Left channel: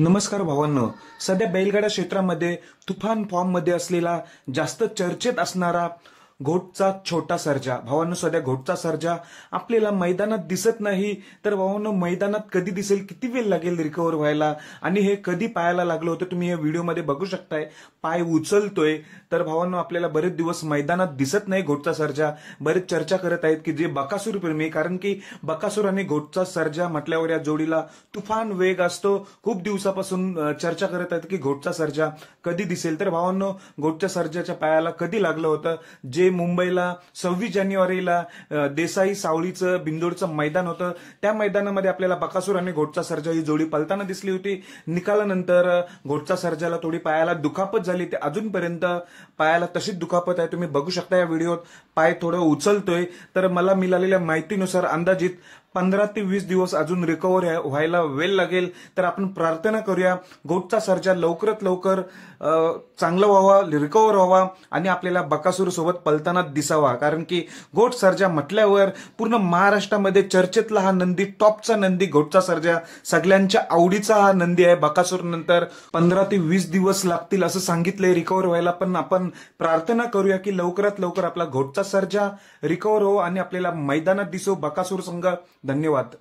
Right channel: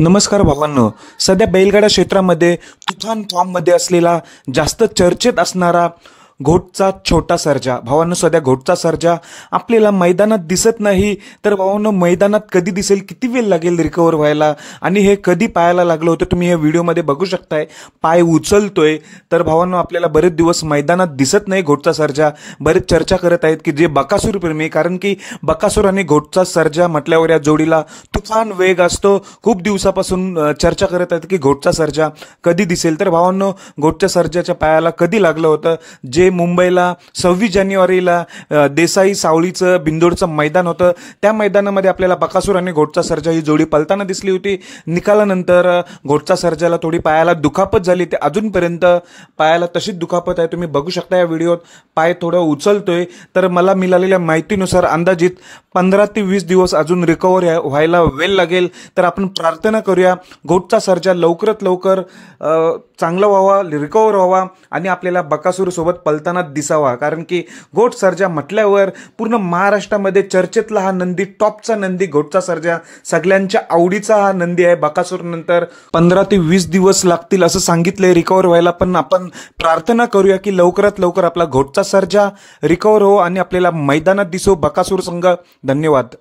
नमस्कार भावांनो. सध्या बैलगाडा क्षेत्रामध्ये तुफान फॉर्ममध्ये असलेला जास्त चर्चेत असणारा घोटचा छोटा सर्जा. भावांनो, सध्या घोटचा सर्जा आपल्याला मैदानात दिसत नाही. तर भावांनो, मैदानात कधी दिसेल, किती वेळ लागेल रिकवर व्हायला आणि हे कधी पायाला लागलं होतं तुम्ही या व्हिडिओमध्ये बघू शकताय. पाय उचलतोय. तर भावांनो, आपल्याला बरेच दिवस मैदानात दिसत नाही घोटचा सर्जा. बरेच चर्चा करत आहेत की जे बकासूर प्रेमी, कारण की बकासूर आणि घोटचा सर्जा म्हटल्यावर या जोडीला तुफान वेग असतो. खूप दिवसापासून चर्चा करत आहेत की घोटचा सर्जा कधी दिसेल. तर भावांनो, घोटच्या सर्जाच्या पायाला कधी लागलं होतं? जे मुंबईला 26 जानेवारीला देसाई सावळीचं बिंदोडचं मैदान होतं, त्या मैदानामध्ये आपल्याला बकासूर आणि घोटचा सर्जा ही जोडी पळताना दिसली होती. निकालानंतर घोटचा सर्जाला थोडी पायाला दुखापत झाली. ते अजूनपर्यंत पायाला तशीच दुखापत आहे. तुम्ही बघू शकता या व्हिडिओत. पाय थोडं उचलतोय. तर मला मिळालेल्या माहितीनुसार अंदाजित 15 ते 20 दिवस अजून रिकवर व्हायला वेळ लागेल. तर आपण प्रार्थना करूया घोटचा सर्जा लवकरात लवकर चांगला व्हावा, रिकवर व्हावा आणि आपल्याला बकासूर सोबत पळताना दिसावा. कारण की घोट सर्जा म्हटल्यावर पूर्ण महाराष्ट्रामध्ये चर्चेतला हा नंदी, टॉपचा नंदी घोटचा सर्जा, सगळ्यांच्या आवडीचा हा नंदी आहे. बकासूर नंतर 15 ते 20 दिवस लागतील असं सांगितलंय रिकवर व्हायला. पण आपण प्रार्थना करूया की लवकरात लवकर आपला घोटचा सर्जा रिकवर हो आणि आपल्याला मैदानात दिसो बकासूर संघ. धन्यवाद.